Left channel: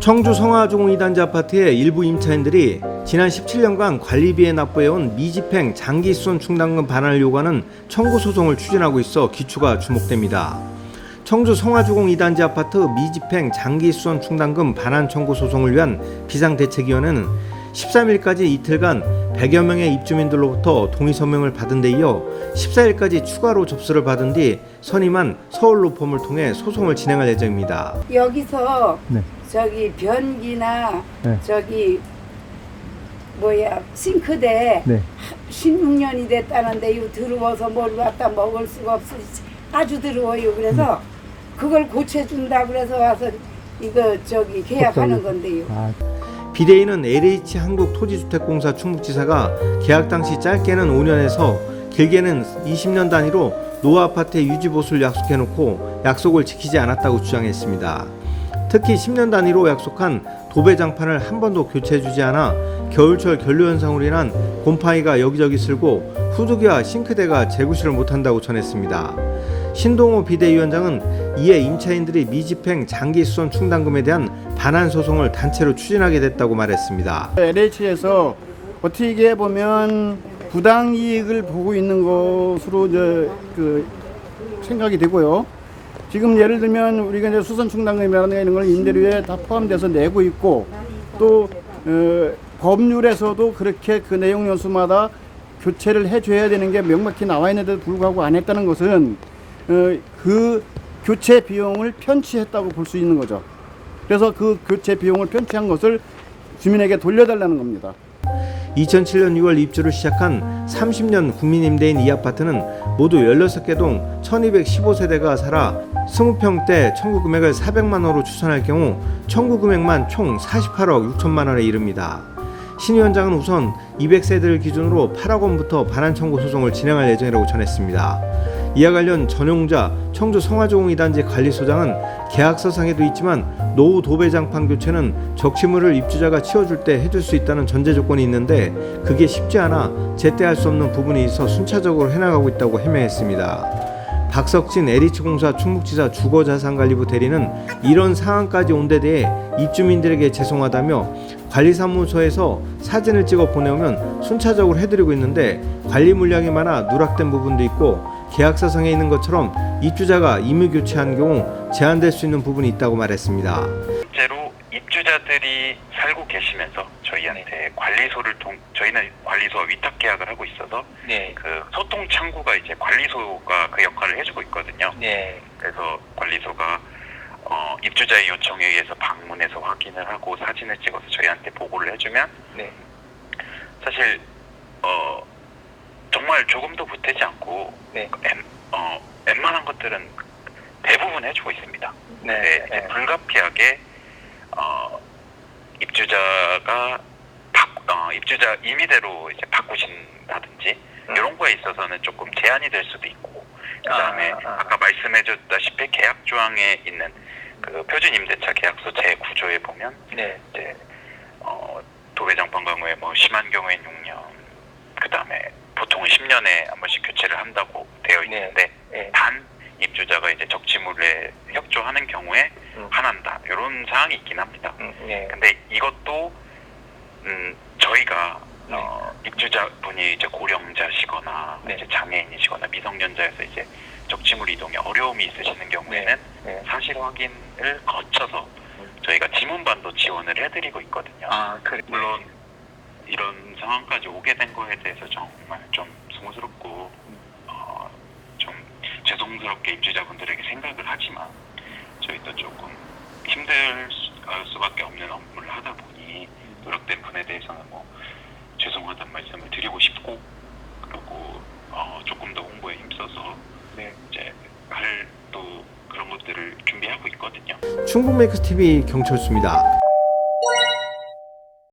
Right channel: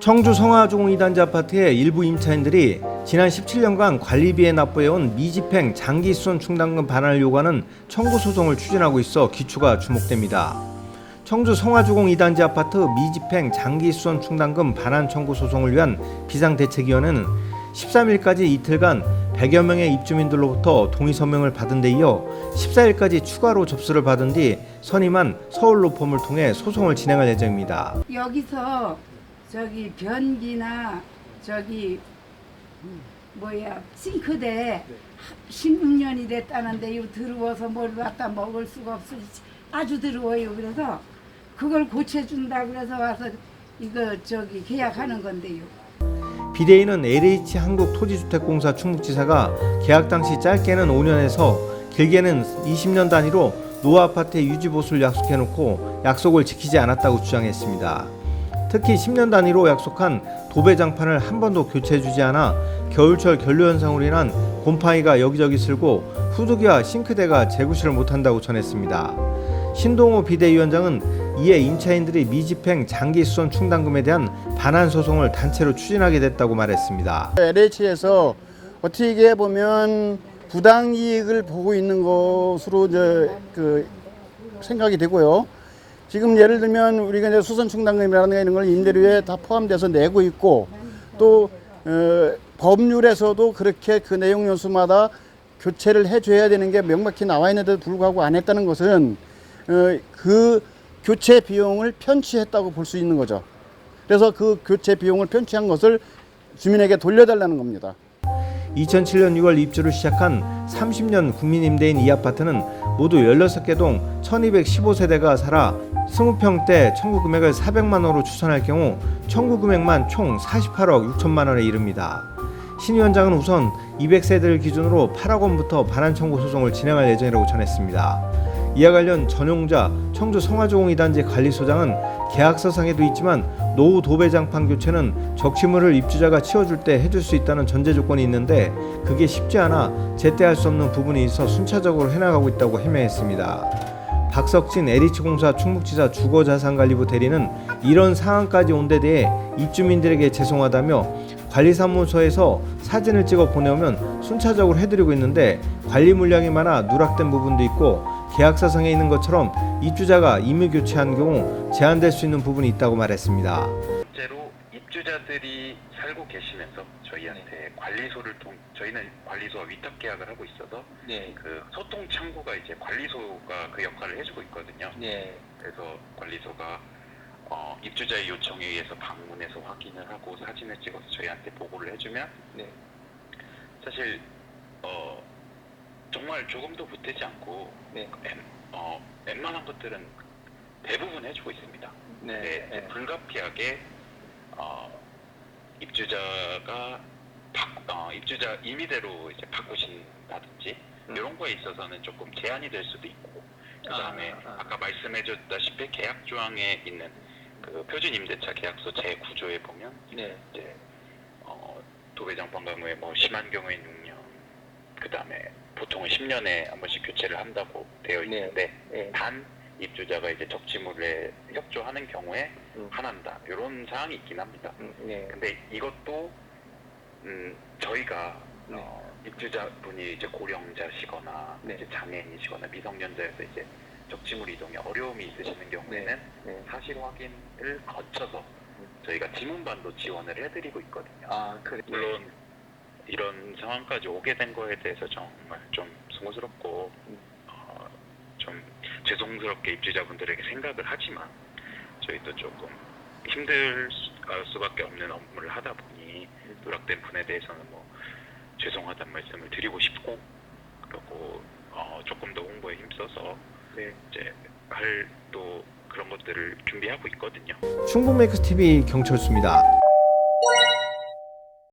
청주 성화종 2단지 아파트의 일부 임차인들이 지난 17년간 관리비에 납부해온 미집행 장기수선 충당금 반환을 요구하는 청구 소송을 추진하고 있어 기초가 주목됩니다. 청주 성화주공 2단지 아파트 미집행 장기수선 충당금 반환 청구 소송을 위한 비상대책위원회는 13일까지 이틀간 100여 명의 입주민들로부터 동의 서명을 받은 데 이어 14일까지 추가로 접수를 받은 뒤 선임한 서울로펌을 통해 소송을 진행할 예정입니다. 여기서 네. 저기 변기나 네. 저기 뭐야 싱크대 네. 16년이 됐다는데 이거 더러워서 뭘 갖다 먹을 수가 없어 아주 더러워요 그래서 그걸 고쳐준다 그래서 와서 이거 저기 계약하는 건데요 아, 비대위는 LH 한국토지주택공사 충북지사가 계약 당시 짧게는 5년에서 길게는 20년 단위로 노후 아파트의 유지 보수를 약속해놓고 약속을 지키지 않았다고 주장했습니다. 특히 10년 단위로 약속한 도배 장판을 한 번도 교체해주지 않아 겨울철 결로 현상으로 인한 곰팡이가 여기저기 슬고 후드기와 싱크대가 재구시를 못한다고 전했습니다. 신동호 비대위원장은 이에 임차인들이 미집행 장기 수선 충당금에 대한 반환 소송을 단체로 추진하게 됐다고 말했습니다. LH에서 어떻게 보면 부당 이익을 보고 있는 것으로 이제 그 생각이 되고요. 지금 예를 들면 우리가 이제 수선 충당금이라는 걸 임대료에 다 포함돼서 내고 있고 또 어, 법률에서도 그렇게 그 내용 요소마다 교체를 해줘야 되는 게 명확히 나와 있는데도 불구하고 안 했다는 것은 어, 그 교체 비용을 편취했다고 볼 수 있는 거죠. 그래서 그 교체 비용을 편취한 것을 주민에게 돌려달라는 겁니다. 2007년 6월 입주를 시작한 30년 국민임대인 이 아파트는 모두 16개 동 1215세대가 살아 20평대 청구 금액을 400만 원으로 추산할 경우 청구 금액만 총 48억 6천만 원에 이릅니다. 신 위원장은 우선 200세대를 기준으로 8억 원부터 반환 청구 소송을 진행할 예정이라고 전했습니다. 이와 관련 전용자 청주 성화조공 2단지 관리소장은 계약서상에도 있지만 노후 도배장판 교체는 적치물을 입주자가 치워줄 때 해줄 수 있다는 전제 조건이 있는데 그게 쉽지 않아 제때 할 수 없는 부분이 있어 순차적으로 해나가고 있다고 해명했습니다. 박석진 LH공사 충북지사 주거자산관리부 대리는 이런 상황까지 온 데 대해 입주민들에게 죄송하다며 관리사무소에서 사진을 찍어 보내오면 순차적으로 해드리고 있는데 관리 물량이 많아 누락된 부분도 있고 계약서상에 있는 것처럼 입주자가 임의 교체한 경우 제한될 수 있는 부분이 있다고 말했습니다. 계시면서 저희한테 관리소를 통 저희는 관리소와 위탁 계약을 하고 있어서 네. 그 소통 창구가 이제 관리소가 그 역할을 해주고 있거든요. 네. 그래서 관리소가 어, 입주자의 요청에 의해서 방문해서 확인을 하고 사진을 찍어서 저희한테 보고를 해주면 네. 사실 어, 정말 조금도 보태지 않고 네. 웬, 어, 웬만한 것들은 대부분 해주고 있습니다. 네. 네, 이제 네. 불가피하게 어, 입주자가 바, 어, 입주자 임의대로 이제 바꾸신다든지 음. 이런 거에 있어서는 조금 제한이 될 수도 있고 그다음에 아, 아. 아, 까 말씀해줬다시피 계약 조항에 있는 그 표준 임대차 계약서 제 구조에 보면 네. 이제 어, 도배장판 경우에 뭐 심한 경우엔 6년 그다음에 보통은 10년에 한 번씩 교체를 한다고 되어 네. 있는데 네. 단 입주자가 이제 적치물에 협조하는 경우에 음. 한한다 이런 사항이 있긴 합니다. 음, 네. 근데 이것도 음, 저희가 네. 어, 입주자분이 이제 고령자시거나 네. 이제 장애인이시거나 미성년자여서 이제 적치물 이동에 어려움이 있으시는 경우에는 네. 사실 확인을 거쳐서 저희가 지문반도 지원을 해드리고 있거든요. 아, 그래. 물론 이런 상황까지 오게 된 거에 대해서 정말 좀 송구스럽고 어, 좀 죄송스럽게 입주자분들에게 생각을 하지만 저희도 조금 힘들 수- 어, 수밖에 없는 업무를 하다 보니 누락된 분에 대해서는 뭐 죄송하다는 말씀을 드리고 싶고 그리고 어, 조금 더 홍보에 힘써서 네. 이제 할 또 그런 것들을 준비하고 있거든요. 충북메이크스 TV 경철수입니다.